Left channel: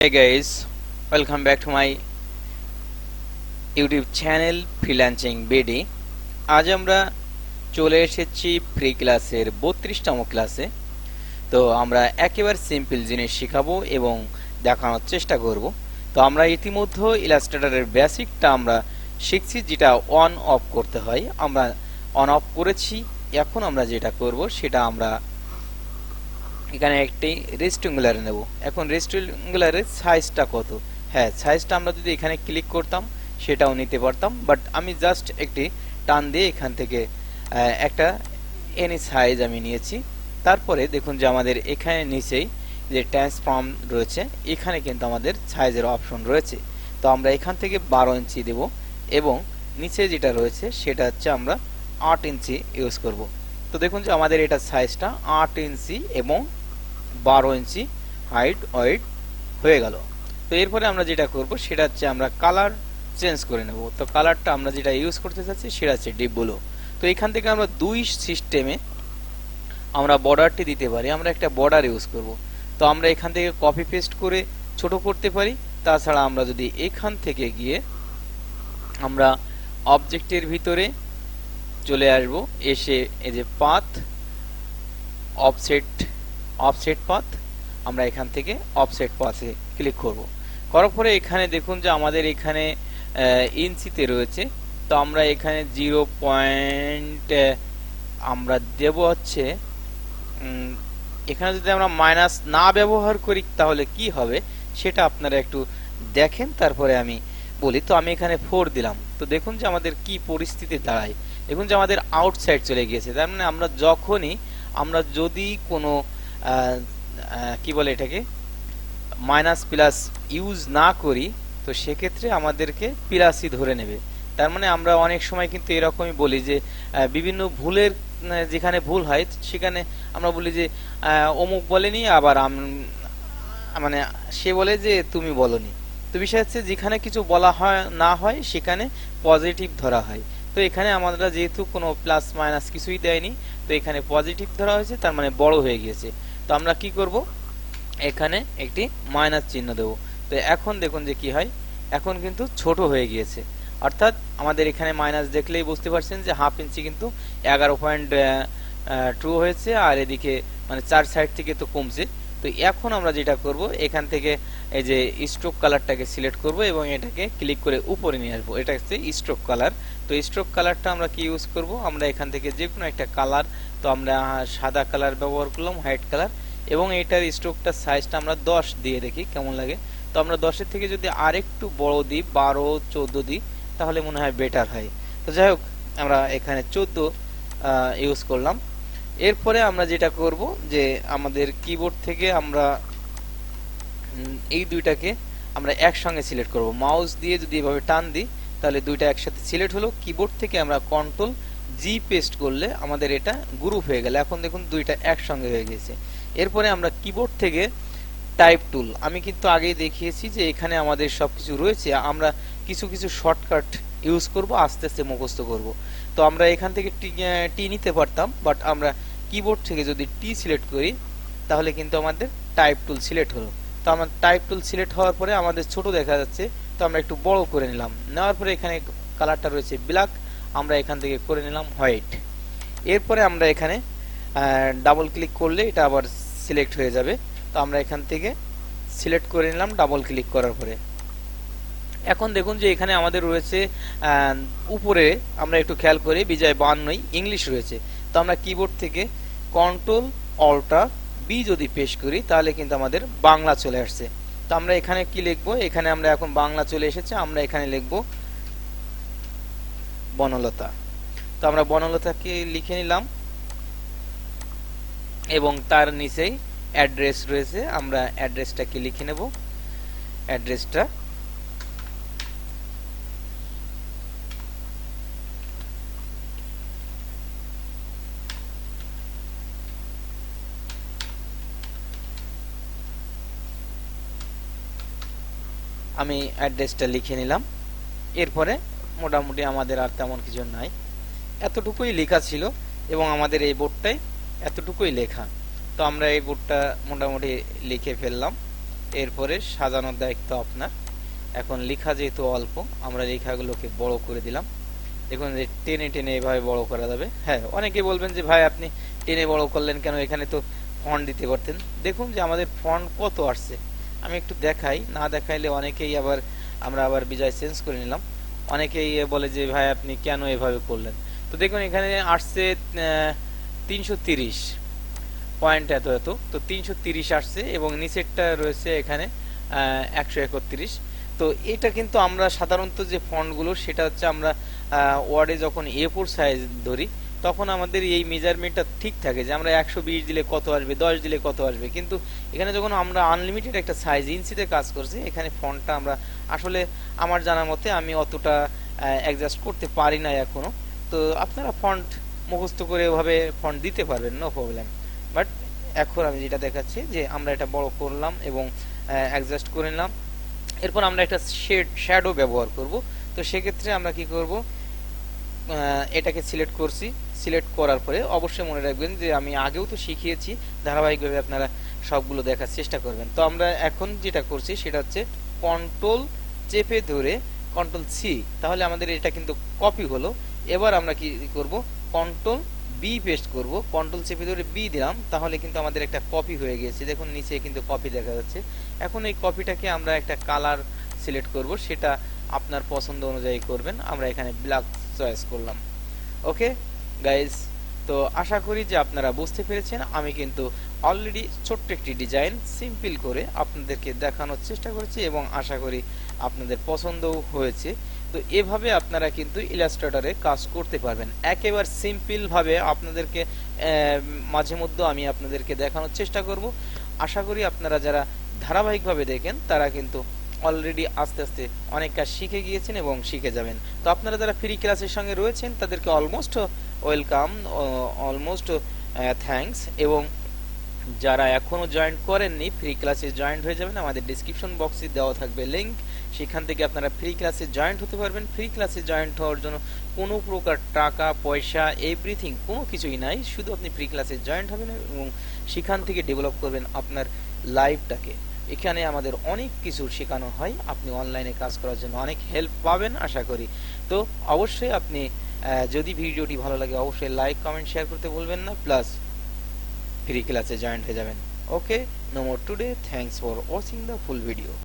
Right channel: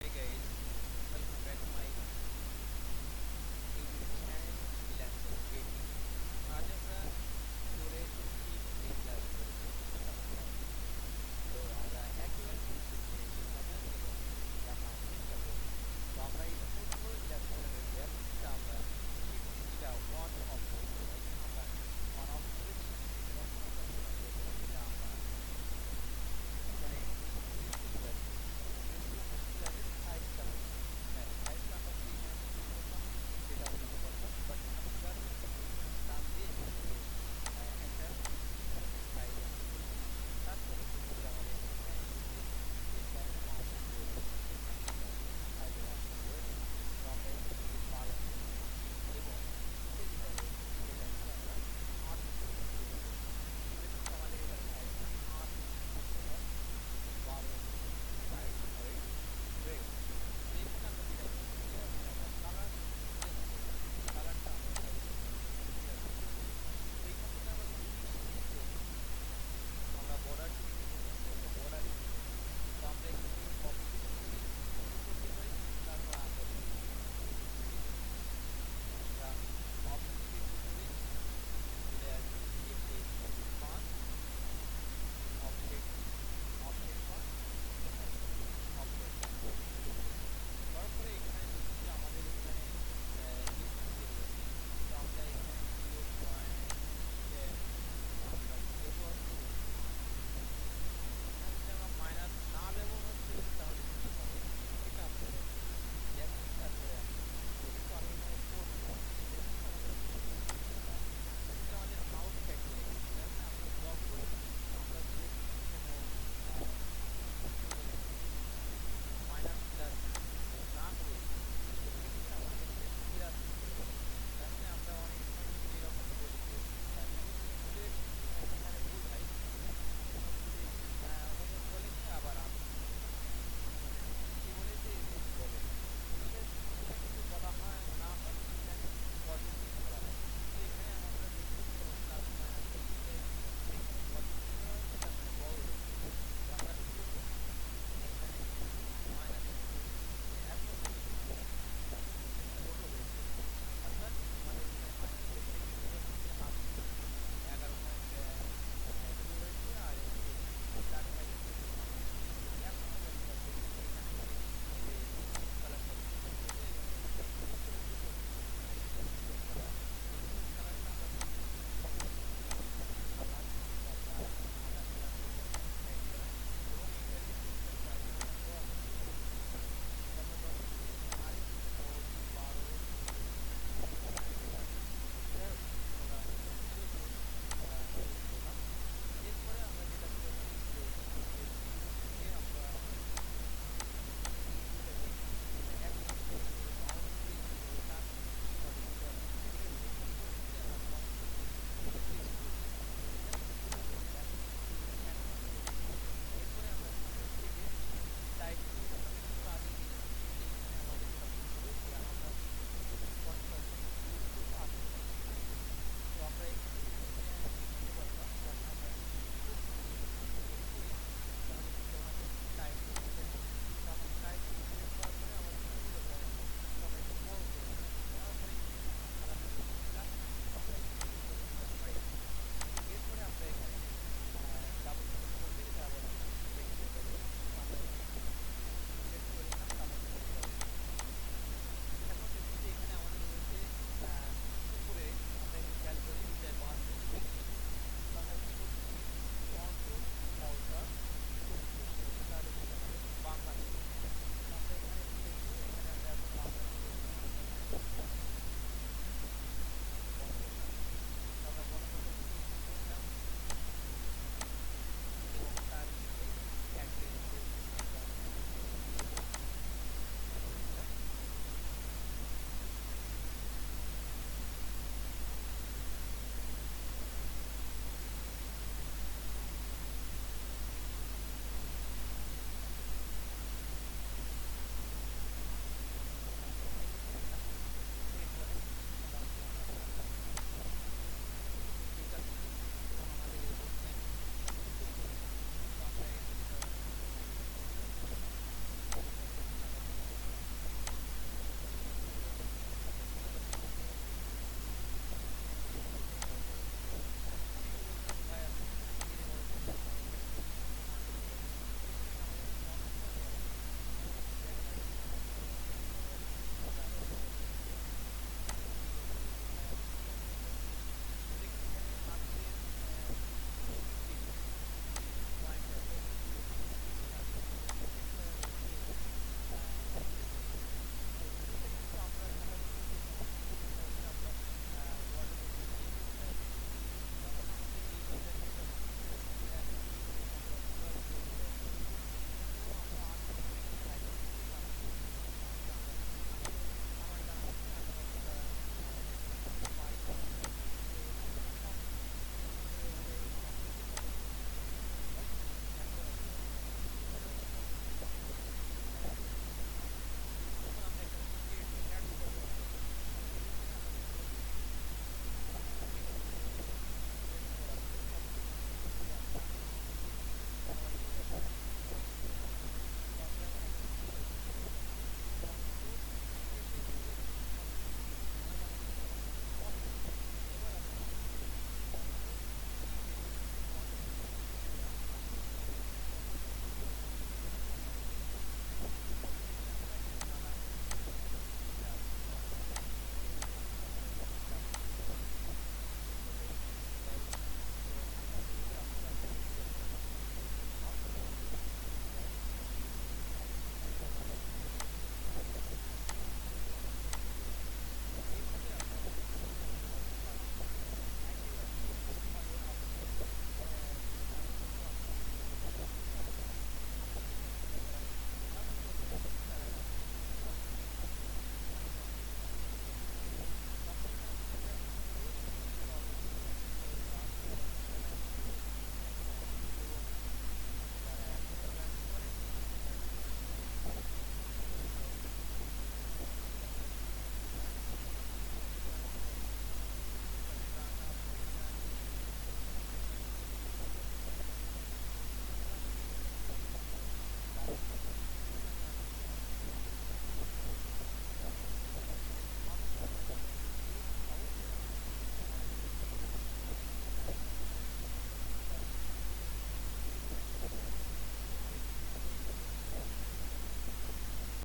Hey guys, welcome back to my YouTube channel Freelancing BD। আজ আমরা চলে এসেছি ফ্রি ক্লাসের 32তম ক্লাসে। তো আমরা একেবারে সিম্পল জিনিস শেখাবো এবং দেখানোর চেষ্টা করব। তো আমরা ইতিমধ্যে ইলাস্ট্রেটরের বেসিকটা আমরা শিখছি, যেটা অন অফ করতে হয়। আমরা অন অফ করেছি। এখন আমরা যেটা করব সেটা আমরা এখানে একটি রেক্ট্যাঙ্গুলার নেব। এখন রেক্ট্যাঙ্গুলারের সাইজটা কত? হ্যাঁ, সাইজটা আমরা যদি এখানে ক্লিক করতাম সেটাও নিতে পারতাম, বাট আমি জাস্ট একটি টান দিয়ে এখান থেকে একটা এনি সাইজ আমি নিয়েছি। তারপরে দেখুন যে আমাদের এখানে নিচেই যে ট্রান্সফর্ম রয়েছে, এখানে কিন্তু আমাদের সাইজের অপশন রয়েছে। তো আমরা এখান থেকে 12 ইঞ্চি দেব এবং নিচে যেটা রয়েছে সেটা হচ্ছে আমরা 8 ইঞ্চি ইউজ করব। তো দেখুন যে আমাদের এটা সাইজটা 8 ইঞ্চি এবং 12 ইঞ্চি হাইট ওয়েট হয়ে গেল। তো এরপরে আমরা যেটা করব সেটা হচ্ছে আমরা কালার চেঞ্জ করে নেব। তো কালারটা আমরা যেটা ইউজ করতে চাচ্ছি সেটা হচ্ছে ডিপ ব্লু। তো এখান থেকে আমরা দুই সিস্টেমে আমরা বর্ডারটি দিতে পারি। আমরা একটা বর্ডার ইউজ করব। তো আমরা এখান থেকে কপি পেস্ট করে ছোট করতে পারি। তাছাড়া আমরা যদি এখান থেকে গিয়ে আমরা অবজেক্টের ভিতরে চলে আসব, এসে এই যে পাথ অফসেট পাথ, আমরা এখান থেকে অফসেট পাথে ক্লিক করব। করার পরে এখানে দেখুন যে আমাদের এখানে ইঞ্চিতে রয়েছে। তো আমরা এখানে 0 পয়েন্ট আমরা দেব হচ্ছে, এখানে যদি আমরা মাইনাস না ব্যবহার করি তাহলে কি হবে সেটা আপনারা একটু দেখেন, তারপরে আমি বলি। তো আমি এখানে 4 দিলাম। তো দেখুন যে আমাদের কি পরিস্থিতি দাঁড়ায়। দেখুন যে আমাদের আউটসাইড চলে গিয়েছে। তার মানে আমরা যদি কোনো কি বলে এটাকে মাইনাস প্লাস ইউজ না করি, তো সেক্ষেত্রে আমাদেরকে প্লাসই ধরে নেবে। তার মানে আমরা অনেক সময় কিন্তু এরকমই বলি যে বিভিন্ন ভুলের যেখানে ভুল হয় সেখানে আমরা বলি যে অমুক বলেনি, আবার মানে সে বলে যে তুমি বলনি। তো বিষয় হচ্ছে যেখানে কিছু বলা হয় না হয় সেখানে পজিটিভ ধরা হয়। তো এখানে আমরা যেহেতু কোনো প্লাস মাইনাস কিছুই দেয়নি, তো এখানে পজিটিভ ধরা হয়েছে, তার মানে বড় হয়ে গিয়েছে। তো আমরা কি করব, এখানে একটি মাইনাস চিহ্ন দেব। তো এখন দেখুন যে কি হয়, এখন কিন্তু ছোট হয়ে গিয়েছে। অর্থাৎ আমাদের এখানে মাইনাস দেখলেই বুঝতে পারছেন যে হাফ ইঞ্চি কিন্তু 11.2 হয়েছে, আর এদিকে মানে 4 সাইড থেকে তো কমছে। তো এখন আমরা যেটা করব, এখান থেকে এই যে স্ট্রোক কালারটাকে সিলেক্ট করব এবং এটাকে ক্লিক করে উপরে নিয়ে আসবো। এটা হচ্ছে স্ট্রোক কালার। তো স্ট্রোক কালারটা আমরা কি ইউজ করব, আমরা এখান থেকে যে কোনো একটা কালার, তো আমরা সাদা কালার ব্যবহার করলাম, হোয়াইট কালার, এবং এটার স্ট্রোকটার সাইজটা আমরা 10 দিয়ে দেখি কেমন লাগে। তো আমরা 10-এর থেকে যদি আরেকটু বড় দিই, 12-14 দিই, তাহলে মনে হয় বেটার হয়। তো যাই হোক, আমরা এখানে 14 ইউজ করলাম। এরপরে আমরা যেটা করব যে আমাদের কিবোর্ড থেকে আমরা এই দুইটাকে আমরা একসঙ্গে সিলেক্ট করব। মাউস দিয়ে যদি এভাবে টান দিই তাহলে দুইটা একসাথে সিলেক্ট হলো। কিবোর্ড থেকে আমরা কন্ট্রোল জি পেস্ট করলে আমাদের এটা গ্রুপ হয়ে গেল। এখন দেখুন দুইটা একসঙ্গে হয়ে গেছে। এরপরে আমরা কিবোর্ড থেকে টাইপ টুল, আমি কিন্তু আগেই দেখিয়েছি যে এখানে আমাদের সবকিছু রয়েছে। আমরা কিছু কিছু শর্টকাট ইউজ করব, আস্তে আস্তে মুখস্থ করব। তো আমরা এখান থেকে টি নিতে পারতাম, বাট আমরা কিবোর্ড থেকে যদি টি সিলেক্ট করি তাহলে কিন্তু আমাদের টাইপ টুল সিলেক্ট হলো। তো আমার টাইপ টুল সিলেক্ট হওয়ার পরে আমাদের ছোট দেখা যাচ্ছে, তো আমরা একটু বড় করে নিলাম। নেওয়ার পরে এখানে কালারটা রয়েছে ব্ল্যাক, আমরা এখান থেকে করে নিলাম হোয়াইট। এরপরে আমরা এখানে ডাবল ক্লিক করলে এটা আবার সিলেক্ট হয়ে যাবে। তো আমরা এখান থেকে সিলেক্ট করে নিলাম ডাবল ক্লিক করার পরে। এখন দেখুন যে এখানে আমাদের রয়েছে উপরে, আমরা একটু খেয়াল করি বিজয় 52 ইংলিশ রয়েছে। তো আমরা কিবোর্ড থেকে কন্ট্রোল অল্টার বি যদি পেশ করি তাহলে কিন্তু আমাদের বাংলা চলে আসছে। তো আমরা এখানে কি লিখবো, এখানে আমরা এখন বাংলা চলে এসেছে, আমরা এখানে লিখবো বনলতা। তো আমরা বনলতাকে লিখে নিলাম এবং তার নিচেই অ্যাড্রেস রয়েছে, আমরা অ্যাড্রেসটাকে লিখে নেব। অ্যাড্রেসটা আমি অ্যাড্রেসটা লিখে নিলাম। এরপরে মোটামুটি আমাদের আর তেমন কিছু নাই, এতটুকুই লেখা ছিল এবং আমাদের এই বোর্ডটাই এতটুকুই লেখা। তো আমরা এই বোর্ডটা মোটামুটি লিখে ফেললাম। এরপরে সাজানোর দায়িত্ব আপনার। এখন লেখা যেহেতু অল্প, আমরা লেখাগুলোকে বড় করে দিলাম। দেখুন যে টেনে টেনে এভাবে বড় করা যাবে। হ্যাঁ, অনেকে বলবেন যে ভাই আপনি টেনে বড় করলেন কেন, এখানে তো ফন্ট দিতে পারতেন। দেখুন যে আমাদের ফন্ট কত আসছে, আমি একটু দেখাই, না দেখাইলে অনেকেই আবার আমরা আবার বিজয় চেঞ্জ করে নিলাম। অনেকেই বলে যে ভাই আপনি কেন এভাবে করলেন। তো দেখুন এখানে আসছে 330 পয়েন্ট এত এত, তো 330 আসছে এবং নিচেরটা রয়েছে এখানে 131। তো এটা কিন্তু আমরা সাধারণত যে ফন্টগুলো সেটা হচ্ছে আমরা ওয়ার্ডে যখন A4 সাইজ ধরি তখন আমাদের এই মেজারমেন্টটা ঠিক থাকে যে আমরা 120 দিলে কত আসবে, 10 দিলে কত আসবে। কিন্তু এখানে যখন আমরা আনলিমিটেড একটা সাইজ ইঞ্চিতে কাজ করছি, এখানে ফন্টটা আমরা আসলে আমার জানা মতে আমি অতটা অ্যাডজাস্ট করতে পারি না এখনো। তো আপনারা ফন্ট মুখস্থ করে ওভাবে ফন্ট দিতে পারবেন, নো প্রবলেম। বাট এখন আমি যেটা দেখাচ্ছি যে আমরা এটা বড় করলাম এবং অ্যাডজাস্ট করে নিলাম। এরপর আমরা একটা শ্যাডো ব্যবহার করব। তো সেক্ষেত্রে আমরা কি করব, এটাকে সিলেক্ট করছি। সিলেক্ট করার পরে অবশ্যই মনে রাখবেন যে আমি আগেও তো শিখিয়েছি, ধারাবাহিকভাবে আপনারা সবগুলো দেখার চেষ্টা করবেন। তো আমরা এখন যেটা করছি সেটা হচ্ছে কন্ট্রোল চেপে ধরে কন্ট্রোল সি, তাহলে আমাদের এটা কিন্তু কপি হলো। এবার আমরা কি করব, কন্ট্রোল বি পেস্ট করব। কন্ট্রোল চেপে ধরে বি দিলাম, তাহলে কিন্তু আমাদের একটা কপি হয়ে গিয়েছে। দেখুন নিচে কিন্তু কপি দেখা যাচ্ছে। এখন এই কপিটাকে আমরা একটা কালার সিলেক্ট করব, সেটা আপনার পছন্দ অনুযায়ী করবেন। আমরা এখানে ব্ল্যাক চয়েস করলাম। ওকে গাইজ, তো আশা করি যে আপনারা বুঝতে পেরেছেন। আমি কিন্তু অলরেডি ছোট্ট একটি ডিজাইন সিম্পল করে আপনাদেরকে দেখানোর চেষ্টা করেছি এবং আশা করি আপনাদের পছন্দও হয়েছে। তো এভাবে আপনারা কিন্তু ইলাস্ট্রেটরে কাজ করতে পারবেন একেবারে সিম্পল ভাবে। আপনাদেরকে মাঝে মধ্যে আমি আপনাদেরকে দেখানোর চেষ্টা করব। আশা করি আপনারা যারা ধারাবাহিকভাবে দেখেন তারা কিন্তু অলরেডি আস্তে আস্তে অনেক কাজ শিখে গিয়েছেন এবং শিখে যাবেন। তো আপনারা যারা ফ্রি ক্লাসের সঙ্গে রয়েছেন তাদেরকে অলমোস্ট ওয়েলকাম, অলমোস্ট থ্যাঙ্কস। এবং যারা এখনো জয়েন করেননি ফ্রি ক্লাসে জয়েন হয়ে যাবেন, আমাদের ডিসক্রিপশন বক্সে দেওয়া থাকবে লিংক, সেখান থেকে আপনারা ফ্রি ক্লাসে জয়েন্ট হতে পারবেন। ফ্রি ক্লাসে জয়েন্ট হওয়ার জন্য কোনো প্রকার টাকা পয়সা এভরিথিং কোনো কিছুই নাই, শুধু আপনি ফ্রি ক্লাসে জয়েন্ট হবেন এবং সেখান থেকে ডেভেলপ করবেন আপনার লাইফটাকে। এখানে আমাদের অনেক কিছু শেখানো হয়, আপনি অনলাইনে কাজ করার জন্য অনেক হেল্প পাবেন আশা করি। তো অবশ্যই আপনি যদি ভিডিওটি ভালো লাগে অবশ্যই লাইক কমেন্ট শেয়ার করতে ভুলবেন না, প্লাস ফ্রি ক্লাসে জয়েন্ট হয়ে যাবেন। Okay, no more today, thanks for watching the full video.